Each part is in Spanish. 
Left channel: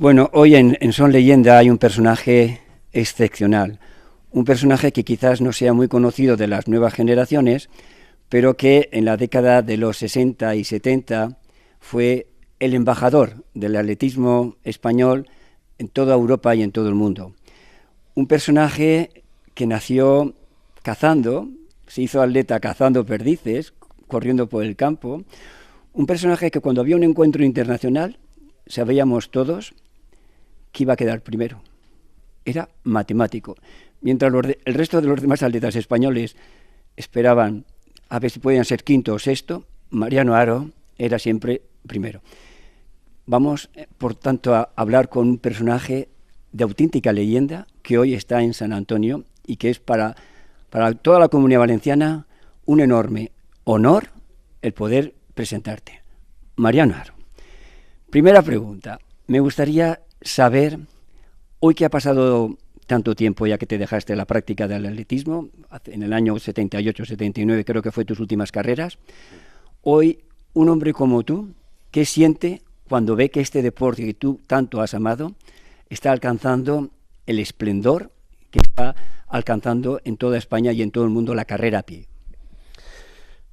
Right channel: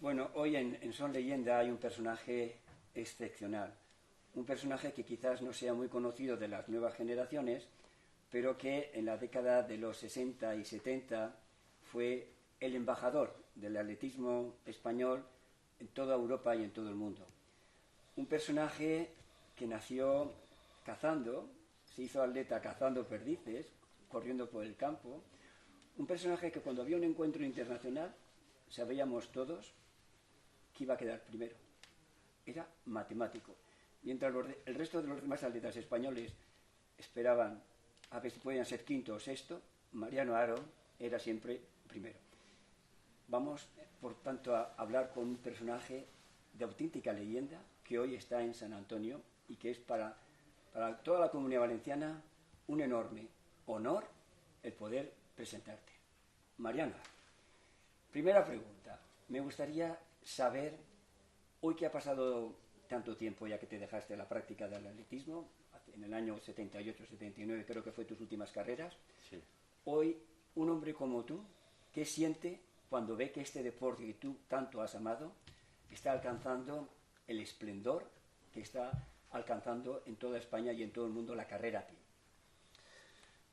Bueno, hoy en Son Leyenda hay un personaje excepcional, un personaje que quizás no sea muy conocido de las nuevas generaciones, pero que en la década de los 60 y 70 fue el embajador del atletismo español en toda Europa y en todo el mundo. Un personaje que nació cazando, se hizo atleta cazando perdices, corriendo por el campo, un personaje que cuando había un encuentro internacional sabíamos todos que iba a quedar primero. Era matemático. Mientras el resto de los demás atletas españoles esperaban a ver si podían ser quinto o sexto, Mariano Haro era siempre primero. Vamos, por tanto, a hablar con un personaje de auténtica leyenda que hoy está en San Antonio y que es para toda la Comunidad Valenciana un enorme honor el poder presentarte. Mariano Haro. Primera pregunta. Me gustaría saber, hoy que ha pasado tanto tiempo ya que te dejaste la práctica del atletismo, en el año 78-79 creo que fue tus últimas carreras, hoy un hombre como tú, ¿qué siente cuando ve que este deporte que tú tanto has amado está alcanzando el esplendor que está alcanzando en toda España y en todo el mundo la carrera a pie?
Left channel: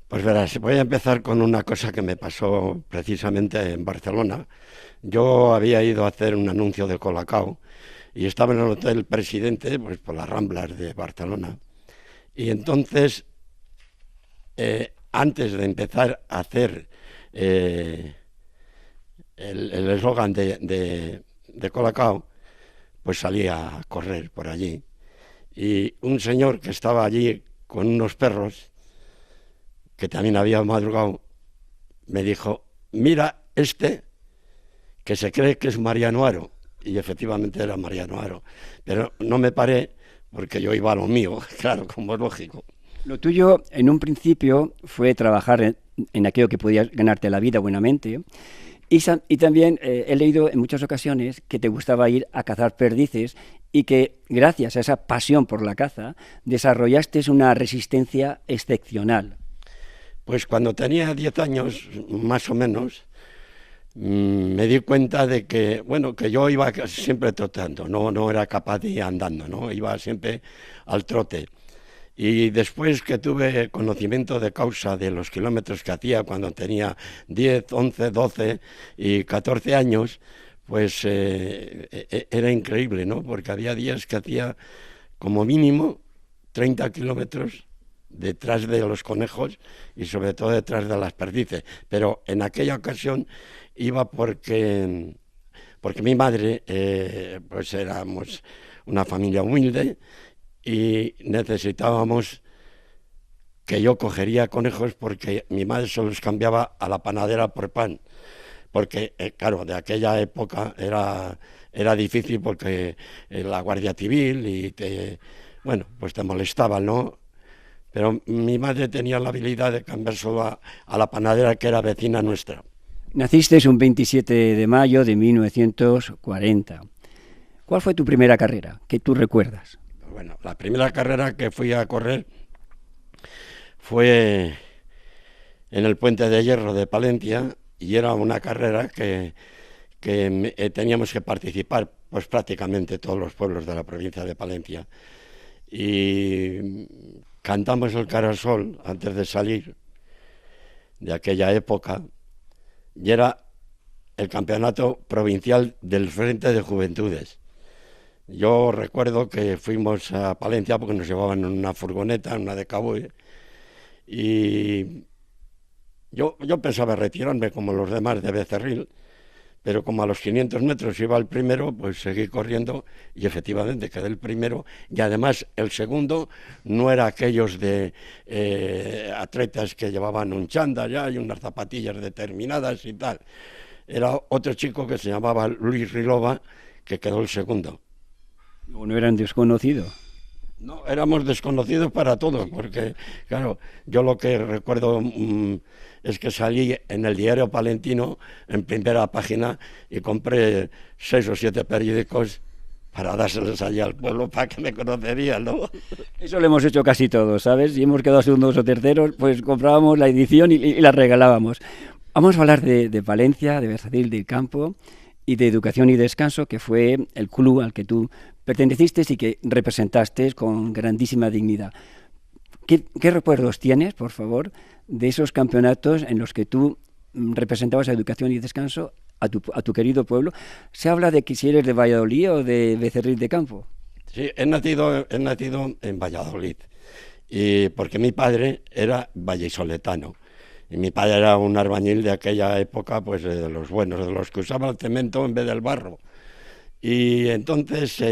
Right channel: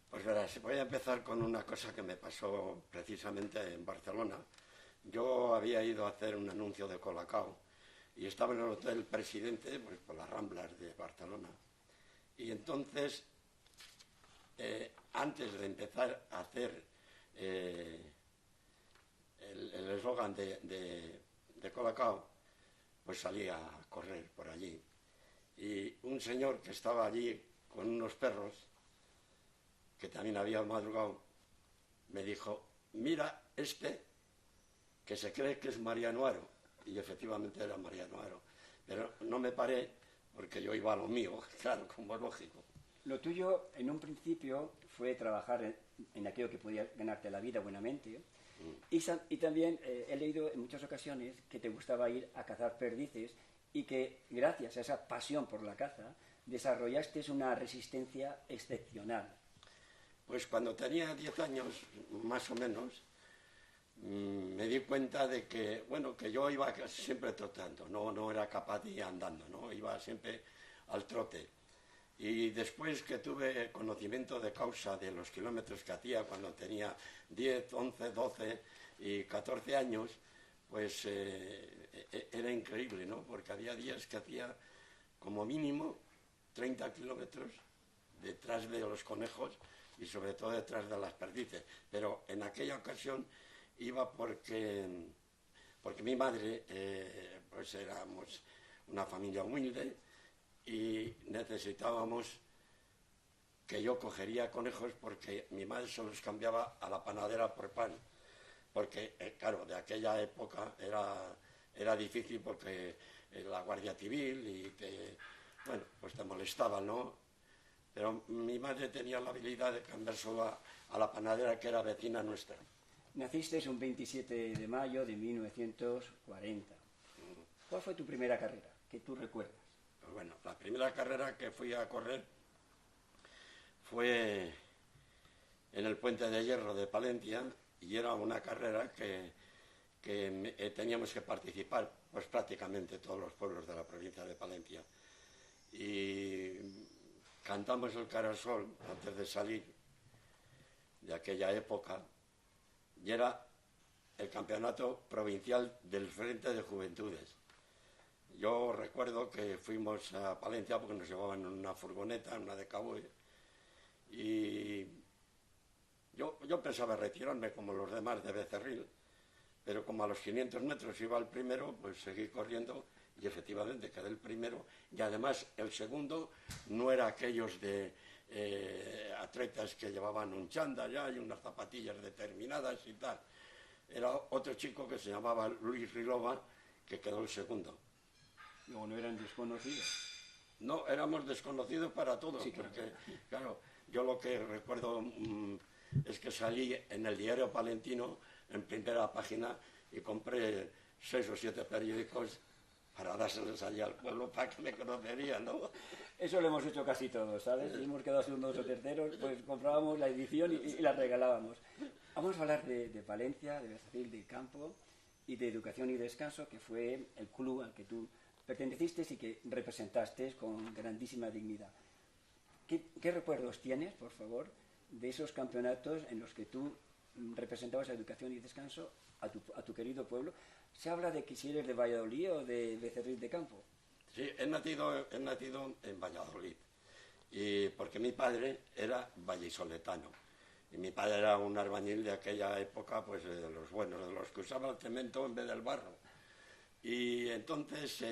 Pues verás, voy a empezar con una cosa que me pasó precisamente en Barcelona. Yo había ido a hacer un anuncio de Colacao y estaba en el Hotel Presidente, pues por las Ramblas de Barcelona. Y entonces, antes de empezar a hacer el eslogan de Colacao, pues salí a correr por allí. Y un señor que estaba allí con unos perros, que también había madrugado, me dijo: mira que se cree que es Mariano Haro. Y efectivamente era Mariano Haro. Pero no me paré porque yo iba a lo mío, claro, como es lógico. Lo tuyo en un principio fue trabajar en aquello que podías ganarte la vida buenamente. Y también he leído en muchas ocasiones que te gustaba ir a cazar perdices y que gracias a esa pasión por la caza desarrollaste una resistencia excepcional. Pues cuando tenía 10 años, más o menos, me di cuenta de que, bueno, que yo iba siempre trotando, no era capaz de ir andando, ¿no? Iba siempre al trote. Y después que tuve conocimiento de causa de los kilómetros que hacía cuando tenía 10, 11, 12 y 14 años, pues era increíble, ¿no? Porque había días que hacía como mínimo 30 kilómetros detrás de los conejos y sobre todo detrás de las perdices. Pero en aquella ocasión iba porque mi madre, pues éramos una familia humilde y necesitábamos que yo cogería conejos porque mi madre se los cambiaba a la panadera por pan. Porque, claro, de aquella época era difícil porque la Guardia Civil bueno, pues te molestaban, ¿no? Pero mi madre tenía la habilidad de cambiárselo a la panadera que era vecina nuestra. Naciste un 27 de mayo de 1940. ¿Cuál fue tu primera carrera que tú recuerdas? Bueno, la primera carrera que fui a correr fue en el Puente de Hierro de Palencia y era una carrera que teníamos que participar pues prácticamente todos los pueblos de la provincia de Palencia. Y cantamos el Cara al Sol antes de salir de aquella época y era el campeonato provincial del Frente de Juventudes. Yo recuerdo que fuimos a Palencia porque nos llevaban en una furgoneta, en una de Caboy, y yo pensaba retirarme como los demás de Becerril, pero como a los 500 metros iba el primero, pues seguí corriendo y efectivamente quedé el primero. Y además el segundo no era aquellos de atletas que llevaban un chándal ya y unas zapatillas determinadas y tal. Era otro chico que se llamaba Luis Rilova, que quedó el segundo. ¿O no eran desconocidos? No, éramos desconocidos para todos, porque, claro, yo lo que recuerdo es que salí en el diario palentino, en primera página, y compré 6 o 7 periódicos para dárselos allí al pueblo para que me conocerían, ¿no? Eso lo hemos hecho casi todos, ¿sabes? Si hemos quedado segundos o terceros, pues comprábamos la edición y la regalábamos. Vamos a hablar de Palencia, de Becerril del Campo y de Educación y Descanso, que fue el club al que tú perteneciste y que representaste con grandísima dignidad. ¿Qué recuerdos tienes, por favor, de esos campeonatos en los que tú representabas a Educación y Descanso a tu querido pueblo? Se habla de que si eres de Valladolid o de Becerril de Campo. Sí, he nacido en Valladolid, y porque mi padre era vallisoletano. Y mi padre era un albañil de aquella época, pues de los buenos, de los que usaban el cemento en vez del barro. Y entonces,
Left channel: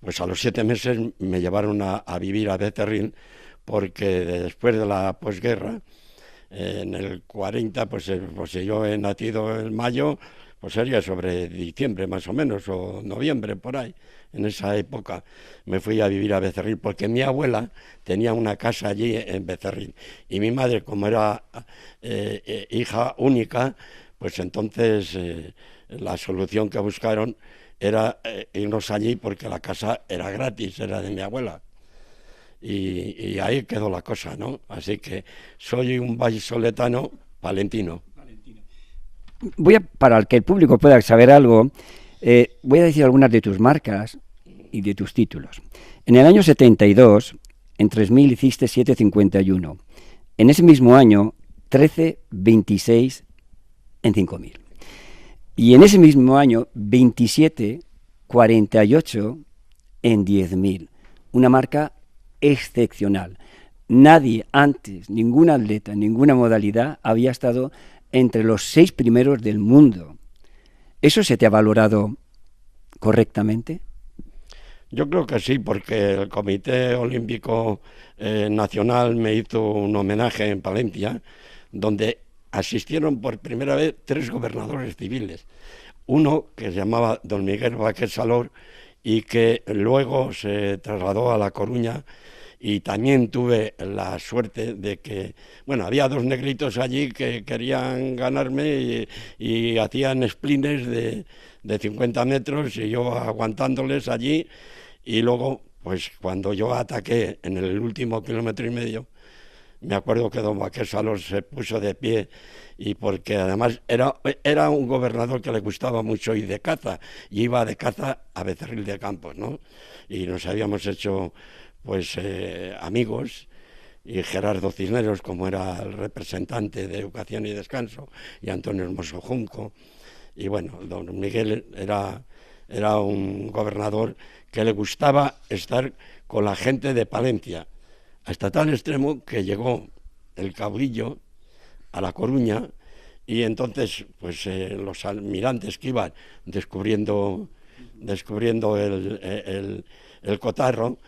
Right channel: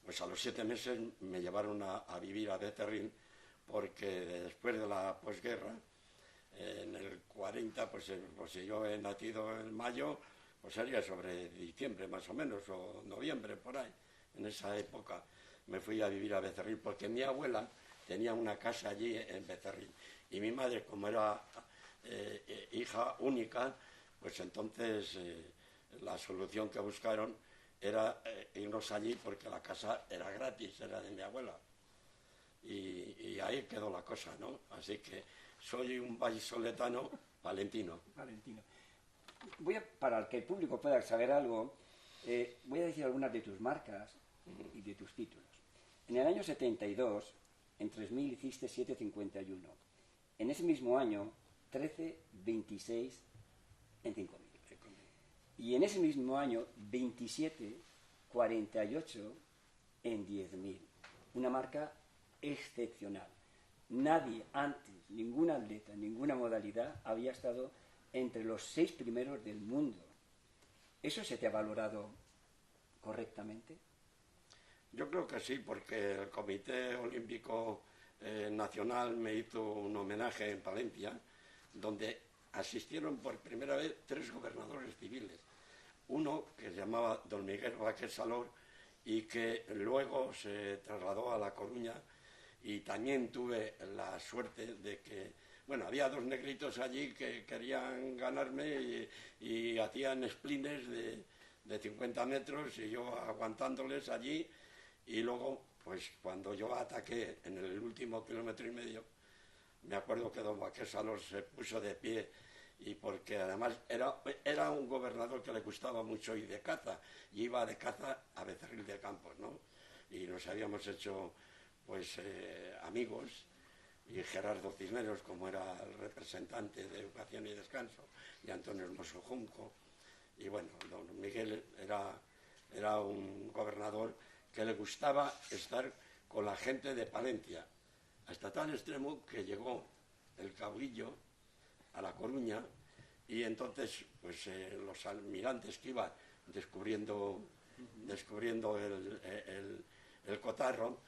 pues a los 7 meses me llevaron a vivir a Becerril, porque después de la posguerra, en el 40, pues si yo he nacido en mayo, pues sería sobre diciembre más o menos, o noviembre por ahí. En esa época me fui a vivir a Becerril, porque mi abuela tenía una casa allí en Becerril, y mi madre, como era hija única, pues entonces la solución que buscaron era irnos allí, porque la casa era gratis, era de mi abuela. Y ahí quedó la cosa, ¿no? Así que soy un vallisoletano palentino. Para que el público pueda saber algo, voy a decir algunas de tus marcas y de tus títulos. En el año 72, en 3.000 hiciste 7,51. En ese mismo año, 13,26 en 5.000. Y en ese mismo año, 27,48 en 10.000. Una marca excepcional. Nadie antes, ningún atleta, ninguna modalidad había estado entre los 6 primeros del mundo. ¿Eso se te ha valorado correctamente? Yo creo que sí, porque el Comité Olímpico Nacional me hizo un homenaje en Palencia, donde asistieron por primera vez 3 gobernadores civiles. Uno que se llamaba don Miguel Baquer Salor, y que luego se trasladó a La Coruña, y también tuve la suerte de que, bueno, había 2 negritos allí que querían ganarme, y hacían splines de 50 metros, y yo aguantándoles allí. Y luego, pues cuando yo ataqué en el último 1,5 km, me acuerdo que don Baquer Salor se puso de pie, y porque además era un gobernador que le gustaba mucho ir de caza, y iba de caza a Becerril de Campos, ¿no? Y nos habíamos hecho, pues, amigos, y Gerardo Cisneros, como era el representante de Educación y Descanso, y Antonio Hermoso Junco. Y bueno, don Miguel era un gobernador que le gustaba estar con la gente de Palencia, hasta tal extremo que llegó el caudillo a La Coruña, y entonces pues los almirantes que iban descubriendo el cotarro,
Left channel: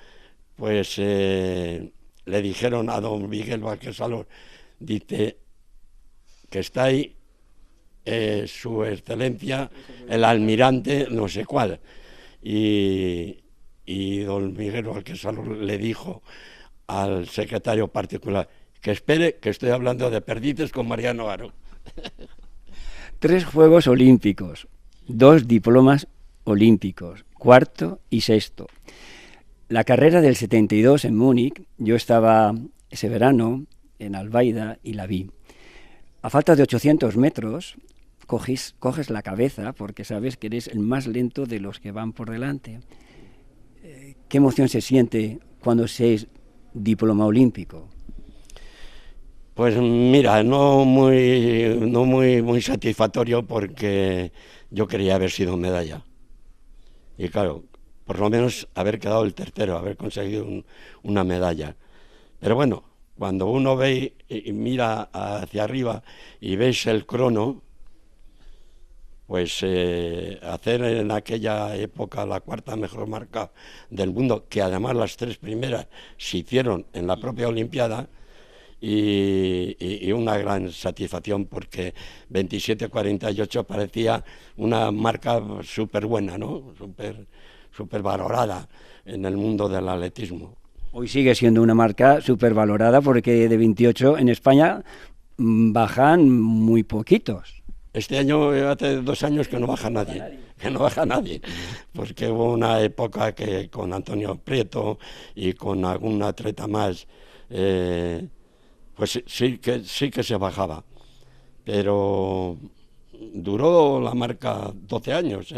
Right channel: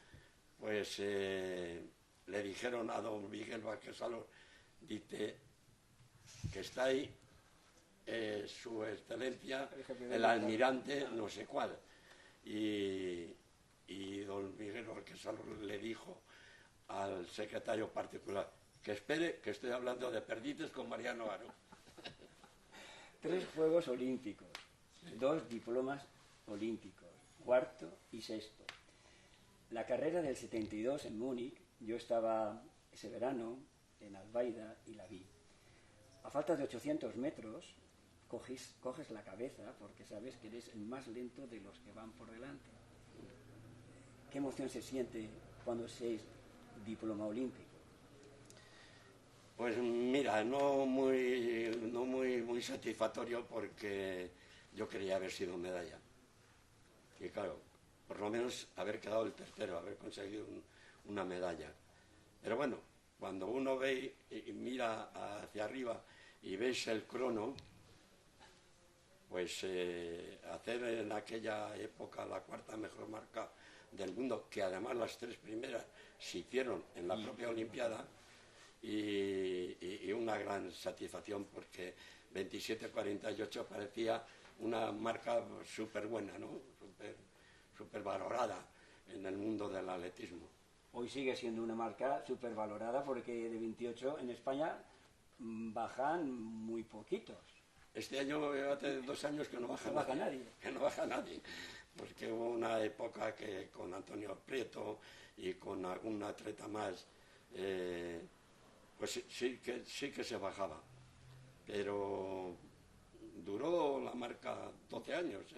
pues le dijeron a don Miguel Vázquez Salor, dice que está ahí su excelencia el almirante no sé cuál, y don Miguel Vázquez Salor le dijo al secretario particular que espere, que estoy hablando de perdices con Mariano Aro. 3 Juegos Olímpicos, 2 diplomas olímpicos, 4º y 6º. La carrera del 72 en Múnich, yo estaba ese verano en Albaida y la vi. A falta de 800 metros, coges la cabeza porque sabes que eres el más lento de los que van por delante. ¿Qué emoción se siente cuando se es diploma olímpico? Pues mira, no muy satisfactorio, porque yo quería haber sido medalla. Y claro, por lo menos haber quedado el tercero, haber conseguido una medalla. Pero bueno, cuando uno ve y mira hacia arriba y ves el crono, pues hacer en aquella época la 4ª mejor marca del mundo, que además las 3 primeras se hicieron en la propia Olimpiada, y una gran satisfacción, porque 27,48 parecía una marca súper buena, ¿no? Súper valorada en el mundo del atletismo. Hoy sigue siendo una marca súper valorada, porque de 28 en España bajan muy poquitos. Este año, hace 2 años que no baja nadie, porque hubo una época que con Antonio Prieto y con algún atleta más, pues sí que se bajaba, pero duró la marca 12 años,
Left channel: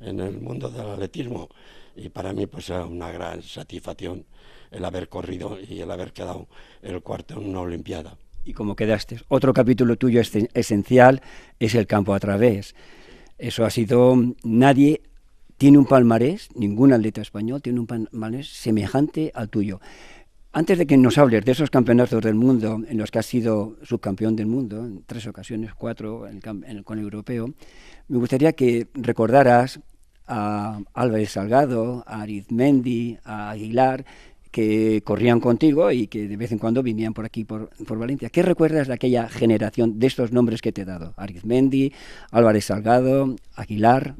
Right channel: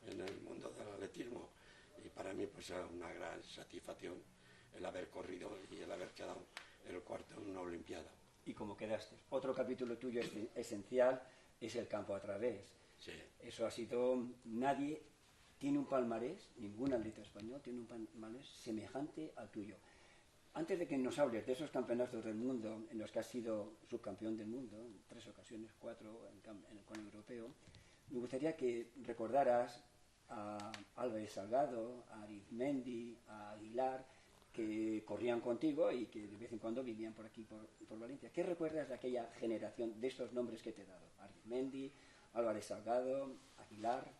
en el mundo del atletismo, y para mí pues era una gran satisfacción el haber corrido y el haber quedado el cuarto en una Olimpiada. Y como quedaste, otro capítulo tuyo esencial es el campo a través. Eso ha sido, nadie tiene un palmarés, ningún atleta español tiene un palmarés semejante al tuyo. Antes de que nos hables de esos campeonatos del mundo en los que has sido subcampeón del mundo, en 3 ocasiones, 4 con el europeo, me gustaría que recordaras a Álvarez Salgado, a Arizmendi, a Aguilar, que corrían contigo y que de vez en cuando venían por aquí, por Valencia. ¿Qué recuerdas de aquella generación, de estos nombres que te he dado? Arizmendi, Álvarez Salgado, Aguilar.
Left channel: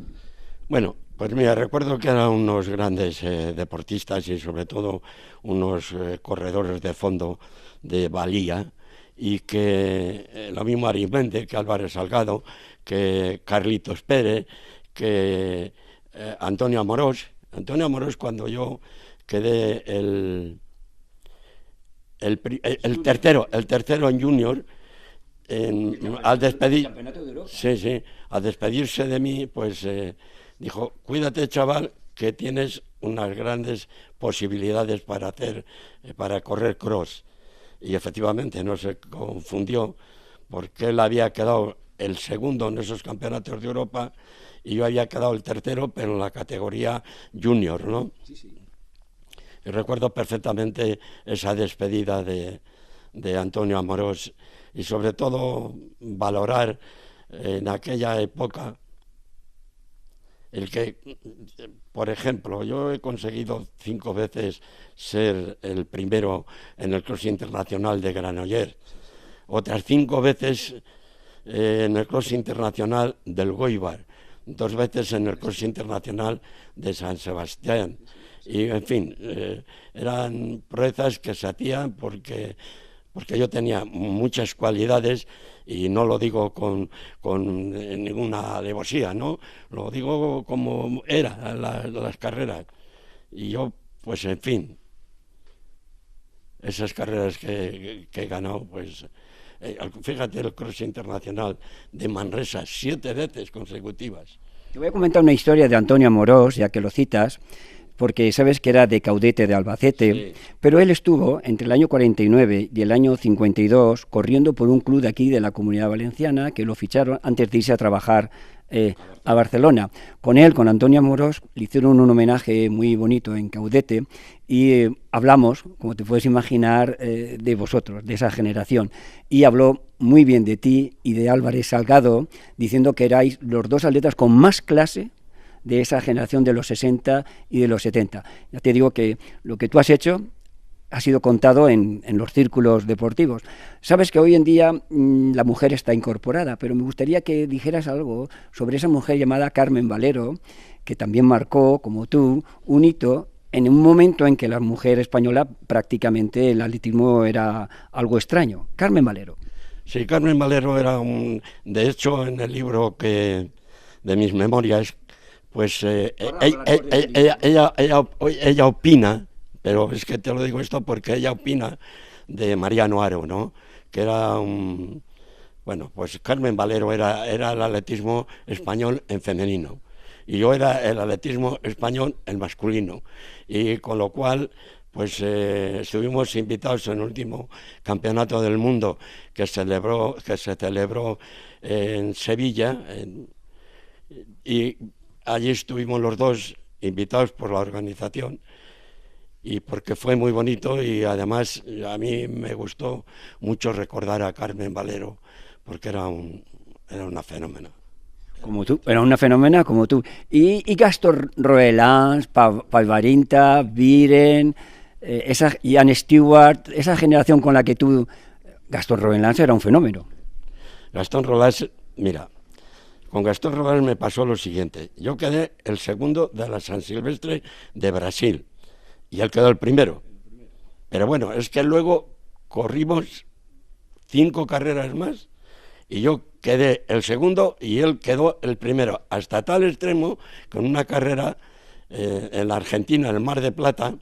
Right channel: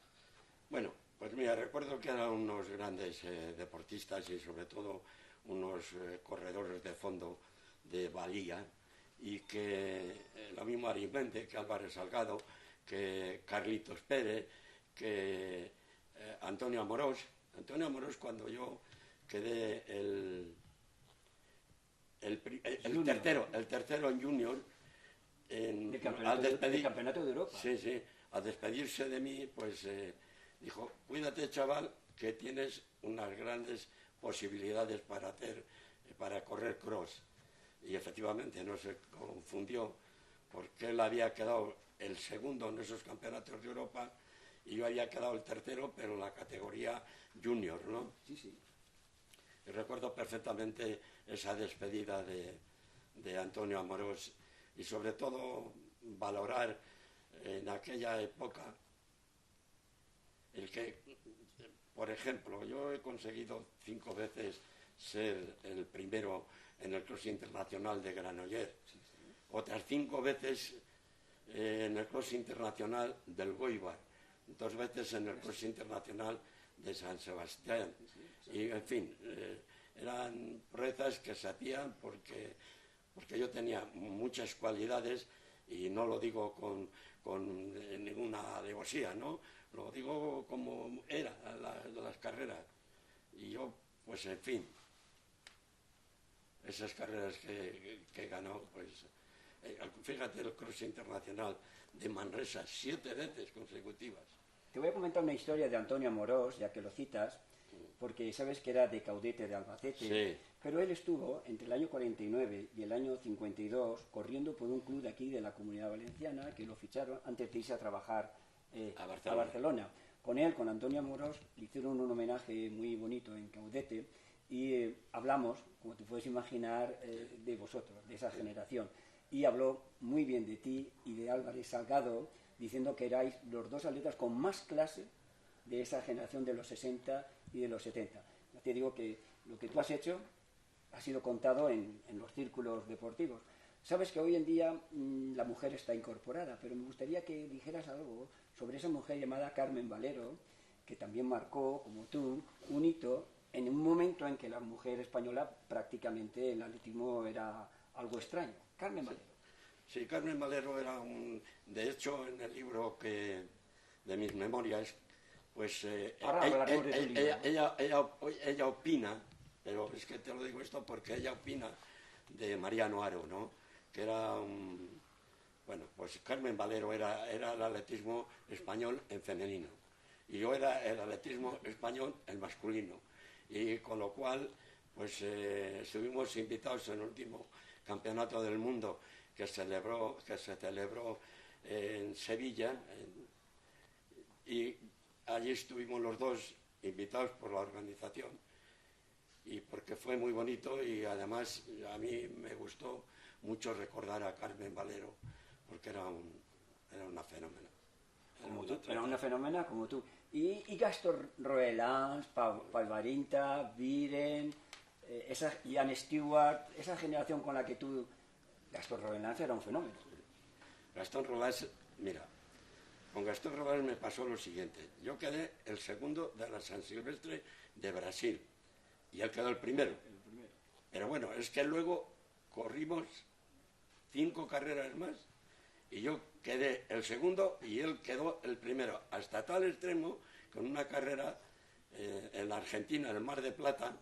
Bueno, pues mira, recuerdo que eran unos grandes deportistas y sobre todo unos corredores de fondo de valía, y que lo mismo Arizmendi que Álvarez Salgado, que Carlitos Pérez, que Antonio Amorós. Antonio Amorós, cuando yo quedé el tercero en junior, al despedir, sí, al despedirse de mí, pues dijo: cuídate, chaval, que tienes unas grandes posibilidades para correr cross. Y efectivamente no se confundió, porque él había quedado el segundo en esos campeonatos de Europa y yo había quedado el tercero, pero en la categoría junior, ¿no? Sí, sí. Y recuerdo perfectamente esa despedida de Antonio Amorós, y sobre todo valorar en aquella época el que, por ejemplo, yo he conseguido 5 veces ser el primero en el cross internacional de Granollers, otras 5 veces en el cross internacional del Goibar, 2 veces en el cross internacional de San Sebastián. Y, en fin, eran proezas que se hacían porque yo tenía muchas cualidades, y no lo digo con ninguna alevosía, ¿no? Lo digo como eran las carreras. Y yo, pues, en fin, esas carreras que he ganado, pues, fíjate, el cross internacional de Manresa, 7 veces consecutivas. Te voy a comentar una historia de Antonio Amorós, ya que lo citas, porque sabes que era de Caudete de Albacete, sí. Pero él estuvo entre el año 49 y el año 52 corriendo por un club de aquí de la Comunidad Valenciana, que lo ficharon antes de irse a trabajar a Barcelona. Con él, con Antonio Amorós, le hicieron un homenaje muy bonito en Caudete, y hablamos, como te puedes imaginar, de vosotros, de esa generación, y habló muy bien de ti y de Álvarez Salgado, diciendo que erais los 2 atletas con más clase de esa generación de los 60 y de los 70. Ya te digo que lo que tú has hecho ha sido contado en los círculos deportivos. Sabes que hoy en día la mujer está incorporada, pero me gustaría que dijeras algo sobre esa mujer llamada Carmen Valero, que también marcó, como tú, un hito en un momento en que la mujer española prácticamente el atletismo era algo extraño. Carmen Valero. Sí, Carmen Valero era de hecho, en el libro de mis memorias, pues ella opina, pero es que te lo digo esto porque ella opina de Mariano Haro, ¿no? Que era bueno, pues Carmen Valero era el atletismo español en femenino, y yo era el atletismo español en masculino, y con lo cual, pues estuvimos invitados en el último campeonato del mundo que se celebró en Sevilla, y allí estuvimos los dos invitados por la organización, y porque fue muy bonito, y además a mí me gustó mucho recordar a Carmen Valero, porque era una fenómena. Como tú, era una fenómena como tú. Y Gastón Roelans, Palvarinta, Viren, Ian Stewart, esa generación con la que tú... Gastón Roelans era un fenómeno. Gastón Roelans, mira, con Gastón Roelans me pasó lo siguiente. Yo quedé el segundo de la San Silvestre de Brasil, y él quedó el primero. Pero bueno, es que luego corrimos 5 carreras más, y yo quedé el segundo y él quedó el primero, hasta tal extremo que en una carrera en la Argentina, en el Mar de Plata,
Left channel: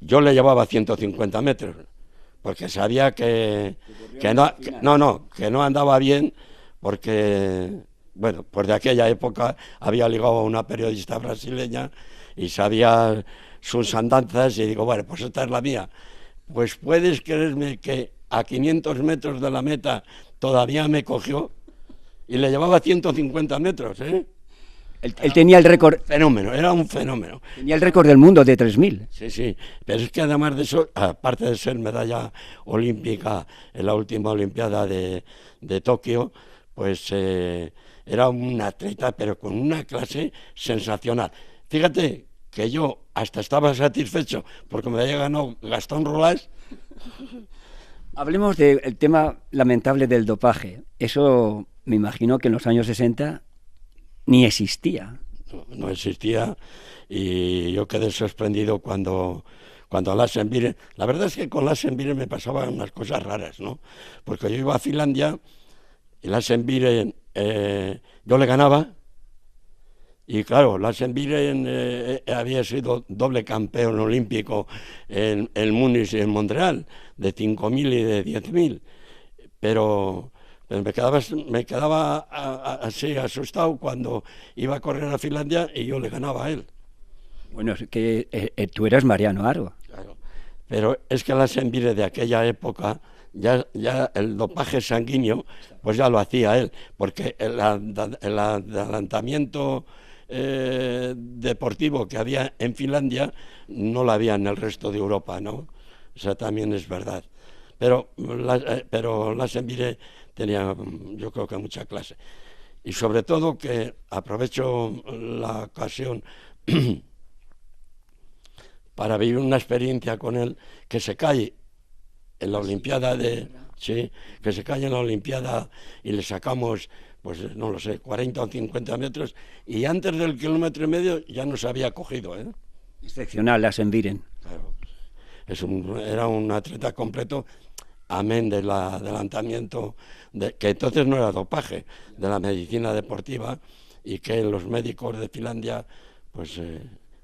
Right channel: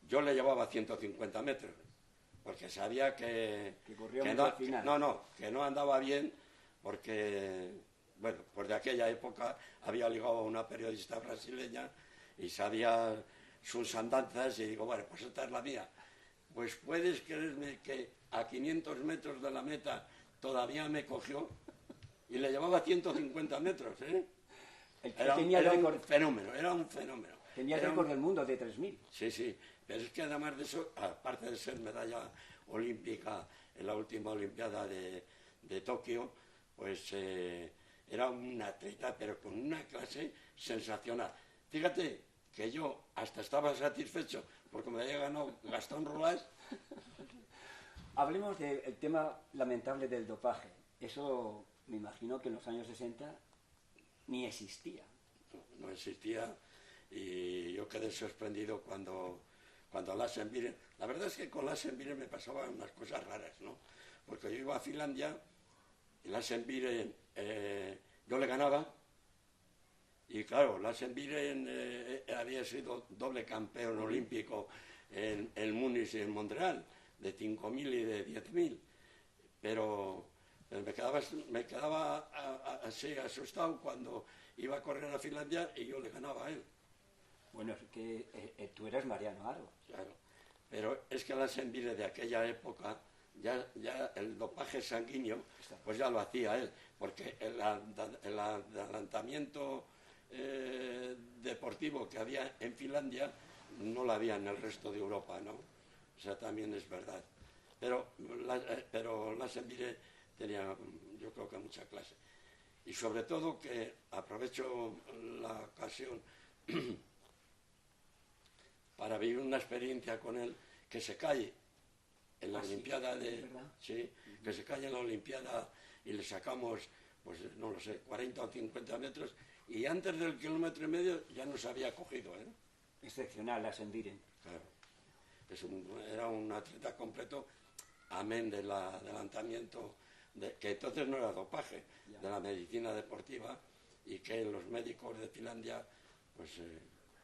yo le llevaba 150 metros, porque sabía que no andaba bien, porque, bueno, pues de aquella época había ligado a una periodista brasileña y sabía sus andanzas y digo, bueno, pues esta es la mía. Pues puedes creerme que a 500 metros de la meta todavía me cogió y le llevaba 150 metros, ¿eh? Él tenía el récord. Fenómeno, era un fenómeno. Tenía el récord del mundo de 3000. Sí, sí, pero es que además de eso, aparte de ser medalla olímpica en la última Olimpiada de Tokio, pues era un atleta, pero con una clase sensacional. Fíjate que yo hasta estaba satisfecho porque me había ganado Gastón Roulage. Hablemos del tema lamentable del dopaje. Eso me imagino que en los años 60 ni existía. No existía y yo quedé sorprendido cuando Lassenbieren, la verdad es que con Lassenbieren me pasaban unas cosas raras, ¿no? Porque yo iba a Finlandia y Lassenbieren, yo le ganaba y claro, Lassenbieren había sido doble campeón olímpico en Múnich y en Montreal, de 5.000 y de 10.000, pero me quedaba así asustado cuando iba a correr a Finlandia y yo le ganaba a él. Bueno, es que tú eras Mariano Aro. Claro. Pero es que Lassenbieren de aquella época, ya el dopaje sanguíneo, pues ya lo hacía él, porque el adelantamiento deportivo que había en Finlandia no lo había en el resto de Europa, ¿no? O sea, también es verdad. Pero Lassenbieren tenía, yo creo que mucha clase. Y sobre todo que aprovecho la ocasión para vivir una experiencia con él, que se cae en la Olimpiada sí, que se cae en la Olimpiada y le sacamos, pues no lo sé, 40 o 50 metros, y antes del 1,5 kilómetros ya nos había cogido, ¿eh? Excepcional, Lassenbieren. Claro. Era un atleta completo, amén del adelantamiento, que entonces no era dopaje, de la medicina deportiva, y que los médicos de Finlandia, pues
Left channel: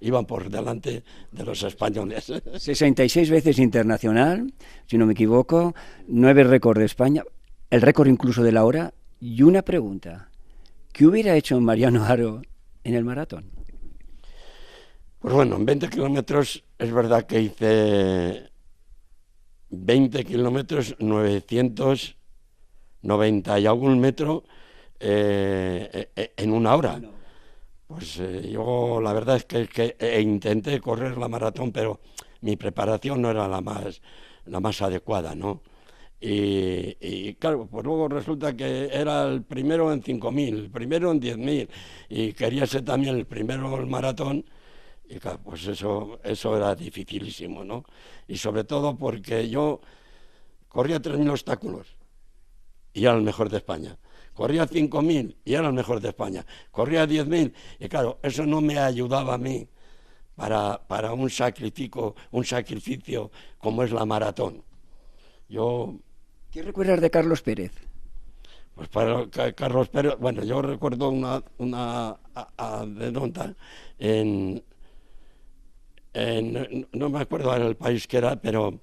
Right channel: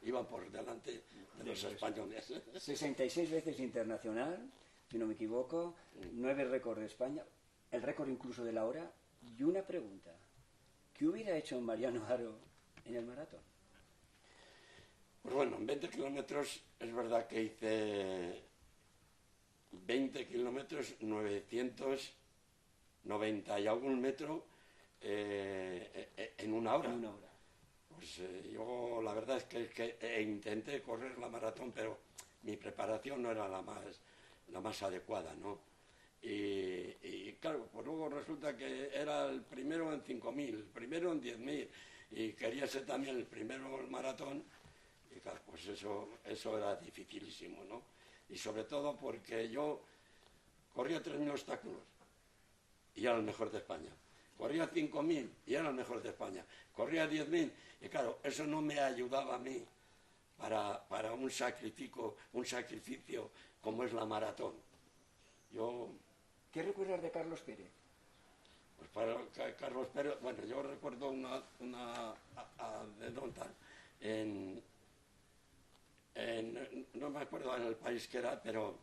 iban por delante de los españoles. 66 veces internacional, si no me equivoco, 9 récords de España, el récord incluso de la hora. Y una pregunta, ¿qué hubiera hecho Mariano Aro en el maratón? Pues bueno, en 20 kilómetros es verdad que hice 20 kilómetros, 990 y algún metro en una hora. Pues yo la verdad es que intenté correr la maratón, pero mi preparación no era la más adecuada, ¿no? Y claro, pues luego resulta que era el primero en 5.000, el primero en 10.000, y quería ser también el primero en el maratón, y claro, pues eso era dificilísimo, ¿no? Y sobre todo porque yo corría 3.000 obstáculos y era el mejor de España. Corría 5.000 y era el mejor de España. Corría 10.000 y claro, eso no me ayudaba a mí para un sacrificio como es la maratón. ¿Qué recuerdas de Carlos Pérez? Pues para Carlos Pérez, bueno, yo recuerdo una anécdota no me acuerdo en el país que era, pero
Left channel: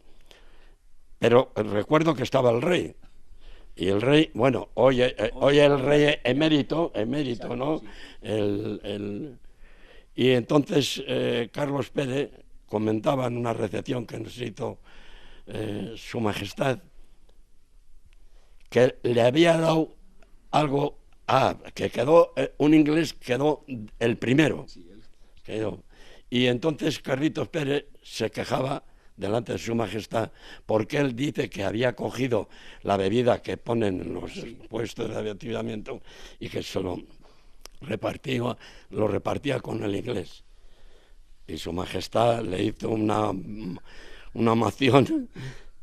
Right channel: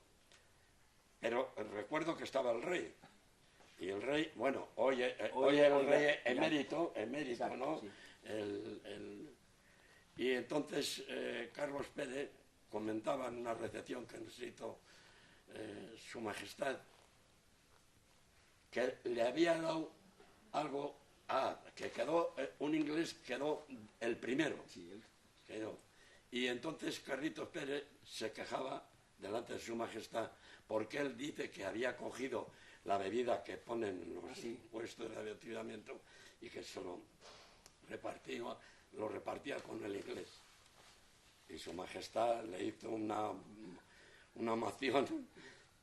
recuerdo que estaba el rey. Y el rey, bueno, hoy el rey emérito, ¿no? Y entonces Carlos Pérez comentaba en una recepción que nos hizo Su Majestad, que le había dado algo, que quedó, un inglés quedó el primero. Quedó. Y entonces Carlitos Pérez se quejaba delante de Su Majestad, porque él dice que había cogido la bebida que ponen en los puestos de avituallamiento y que se lo repartía con el inglés. Y Su Majestad le hizo una moción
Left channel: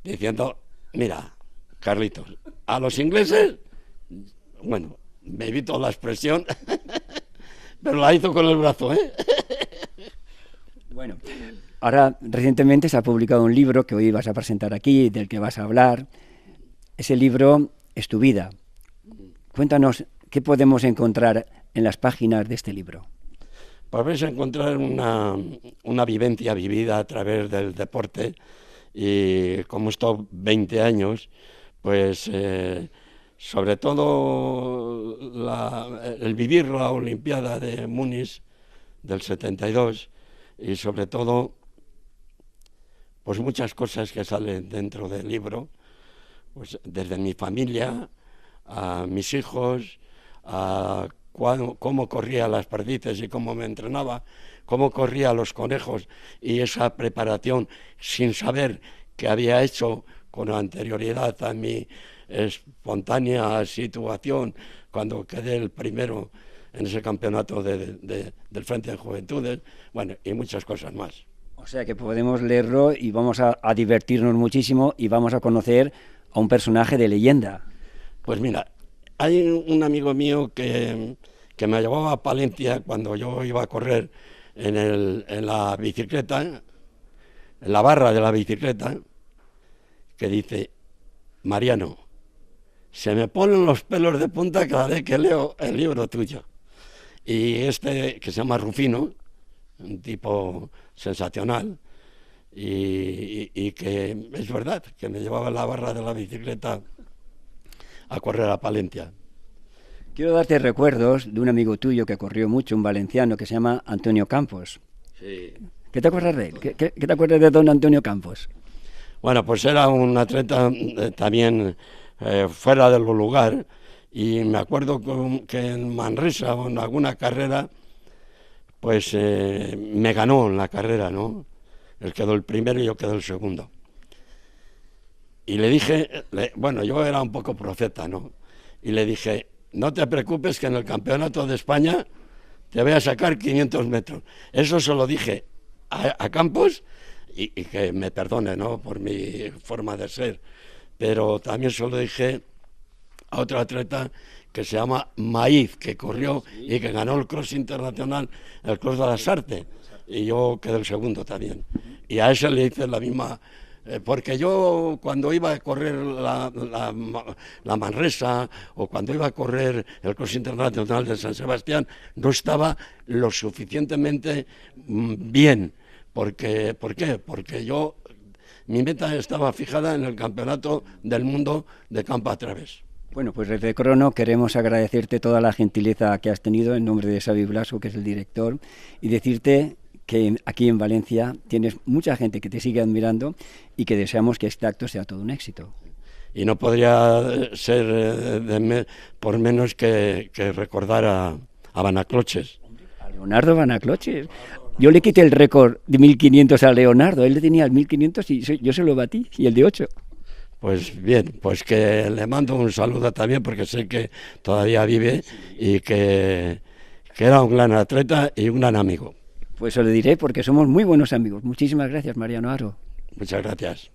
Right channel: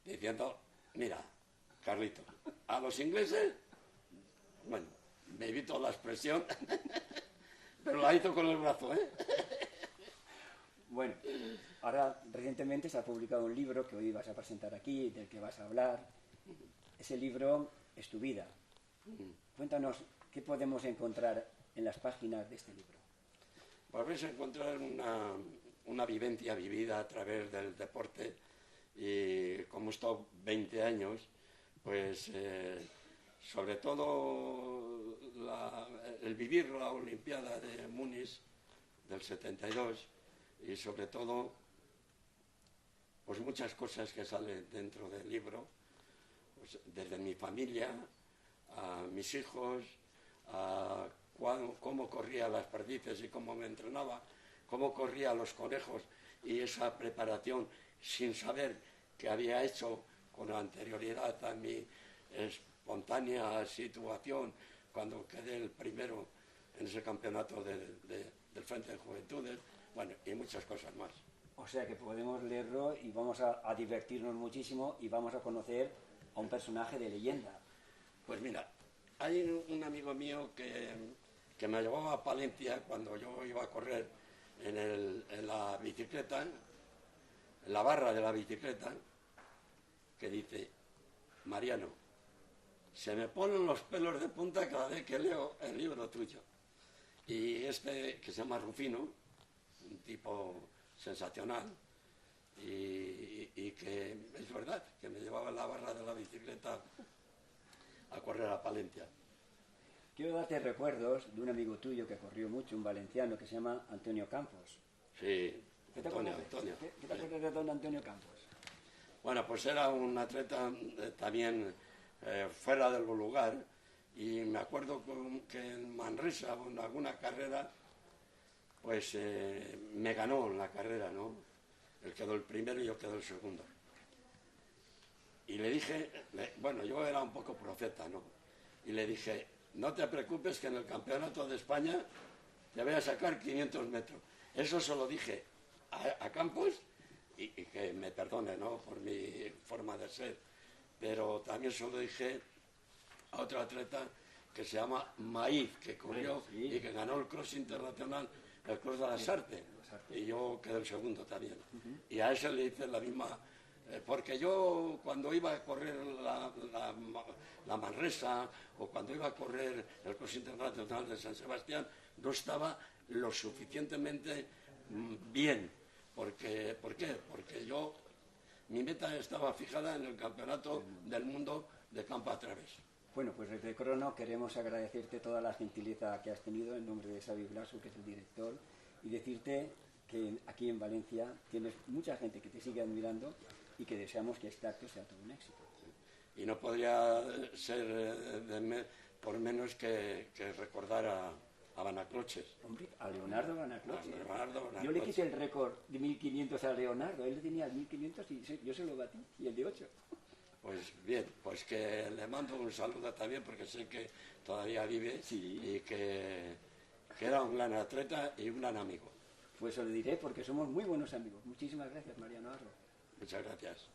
diciendo, mira, Carlitos, a los ingleses, bueno, me evito la expresión, pero la hizo con el brazo, ¿eh? Bueno, ahora recientemente se ha publicado un libro que hoy vas a presentar aquí, del que vas a hablar. Ese libro es tu vida. Cuéntanos qué podemos encontrar en las páginas de este libro. Pues vais a encontrar una vivencia vivida a través del deporte y como he estado 20 años, pues sobre todo el vivir la Olimpiada de Múnich del 72 y sobre todo pues muchas cosas que salen dentro del libro, pues desde mi familia a mis hijos, a cómo corría las perdices y cómo me entrenaba, cómo corría los conejos y esa preparación sin saber que había hecho con anterioridad a mi espontánea situación cuando quedé el primero en ese campeonato del Frente de Juventudes, bueno, y muchas cosas más. O sea que podemos leerlo y vamos a divertirnos muchísimo y vamos a conocer a un personaje de leyenda. Pues mira, hay un amigo mío que me llevaba a Palencia cuando yo iba a correr en la bicicleta, en la barra de la bicicleta, que dice: Mariano, se me ponen los pelos de punta cada vez que leo el libro tuyo. Y este, que se llama Rufino, un tipo sensacional, y que es verdad, que me llevaba en la barra de la bicicleta a correr a Palencia. Quiero darte recuerdos de un amigo tuyo que corrió mucho, un valenciano que se llama Antonio Campos. Sí. ¿Qué te acuerdas de él? ¿Qué te acuerdas de don Antonio Campos? Bueno, pues era un atleta también fuera del lugar, y me acuerdo que en Manresa o en alguna carrera pues me ganó en la carrera, ¿no? Él quedó el primero y yo quedé el segundo. Y le dije, bueno, yo era un poco profeta, ¿no? Y le dije: no te preocupes que en el Campeonato de España te voy a sacar 500 metros. Eso se lo dije a Campos, y que me perdone, ¿no?, por mi forma de ser. Pero también se lo dije a otro atleta que se llama Maíz, que corrió y que ganó el cross internacional, el cross de las artes, y yo quedé el segundo también. Y a ese le hice la misma, porque yo cuando iba a correr la Manresa o cuando iba a correr el cross internacional de San Sebastián, no estaba lo suficientemente bien. ¿Por qué? Porque mi meta estaba fijada en el Campeonato del Mundo de campo a través. Bueno, pues desde Crono queremos agradecerte toda la gentileza que has tenido en nombre de Xavi Blasco, que es el director, y decirte que aquí en Valencia tienes mucha gente que te sigue admirando y que deseamos que este acto sea todo un éxito. Y no podría ser por menos que recordar a Vanacloches. A Leonardo Vanacloches. Yo le quité el récord de 1500 a Leonardo, él le tenía el 1500 y yo se lo batí, y el de 8. Pues bien, pues que le mando un saludo también, porque sé que todavía vive y que era un gran atleta y un gran amigo. Pues se lo diré porque somos muy buenos amigos. Muchísimas gracias, Mariano Aro. Muchas gracias.